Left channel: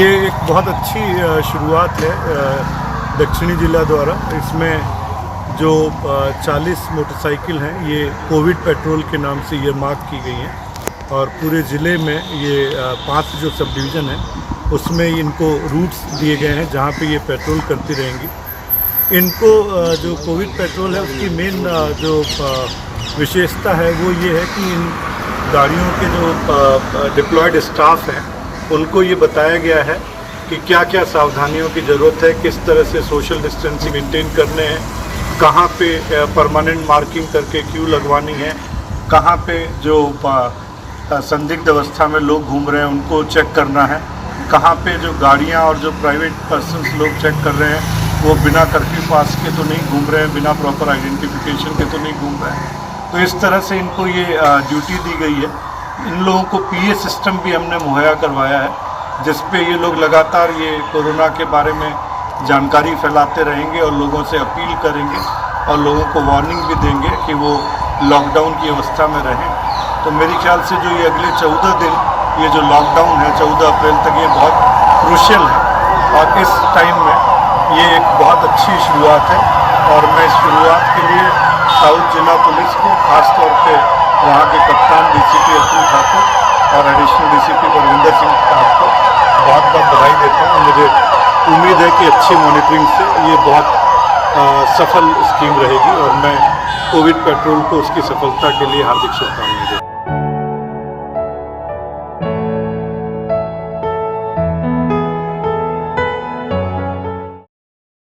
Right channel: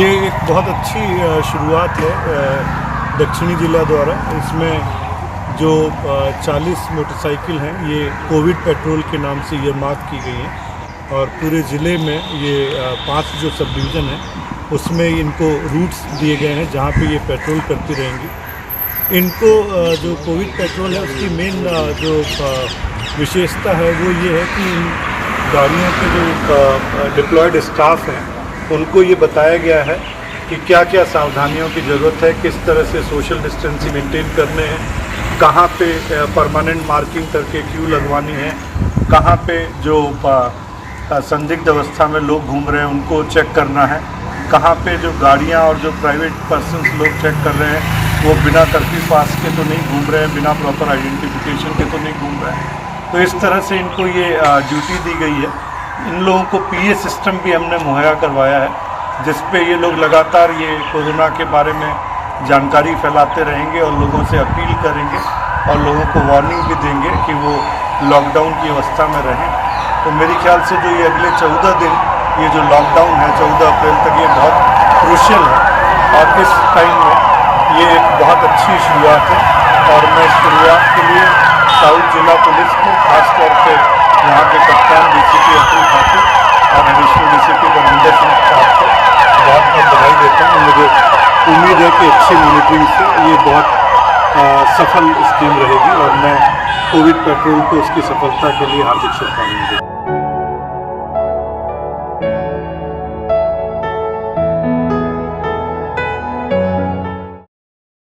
ये एक बहुत अच्छी शुरुआत है दक्षिणी जिला द्वारा। इसमें जो 40 मोटरसाइकिल हैं ये कोविड पेट्रोल के नाम से ये मार्क की गई हैं और पूरे ज़िले में ये 5 जो सब डिवीज़न हैं उसमें इनको रूट्स दिए गए हैं जहाँ पे ये पेट्रोल करती रहेंगी। इनको जो कोविड पेट्रोल है उसकी मेन जो विशेषता है वो ये है कि इन गाड़ियों के जो डिप्लॉयड स्टाफ हैं उनको ये बताया गया है कि क्या क्या सावधानियों की ज़रूरत है, किस तरह से सोशल डिस्टेंसिंग मेंटेन करने हैं, कहाँ पे परमानेंट मार्किंग करके क्यू लगवानी है, कहाँ पे जो संदिग्ध अवस्था में लोग घूम रहे हैं उनको चेक करना है, कहाँ पे जो गाड़ियाँ और जो प्राइवेट पर्सन्स लोग चेक कर रहे हैं वो बिना कर्फ्यू पास के तो नहीं घूम रहे हैं, बिना प्रॉपर आइडेंटिफिकेशन के तो नहीं घूम रहे हैं। तो इस तरह से इनको ये ड्यूटी दी गई है। इन लोगों को पीए सिस्टम भी हमने मुहैया करवाया है जिस पे ये लोग लगातार ये कोरोना के बारे में जानकारी फैलाते रहेंगे और लोगों से अपील करेंगे और लोगों को वार्निंग भी देंगे कि वो लॉकडाउन की अवस्था में रहें। तो मेरे ख्याल से जो ये अगले 14 दिन ये जो लॉकडाउन है 14 अप्रैल तक ये बहुत क्रूशियल है और इस टाइम में ये एक बहुत अच्छी शुरुआत है और मैं इस शुरुआत के लिए साउथ जिला पुलिस को खासतौर पर यहाँ के कप्तान डीसीपी अतुल ठाकुर और एडिशनल डीसीपी रविंदर सिंह साहब को बहुत बहुत बधाई देता हूँ। मुझे उम्मीद है कि अच्छी मॉनिटरिंग से ये बहुत सफल स्कीम रहेगी और मैं कोविड पेट्रोल को उसकी सफलता के लिए हार्दिक शुभकामनाएं देता हूँ।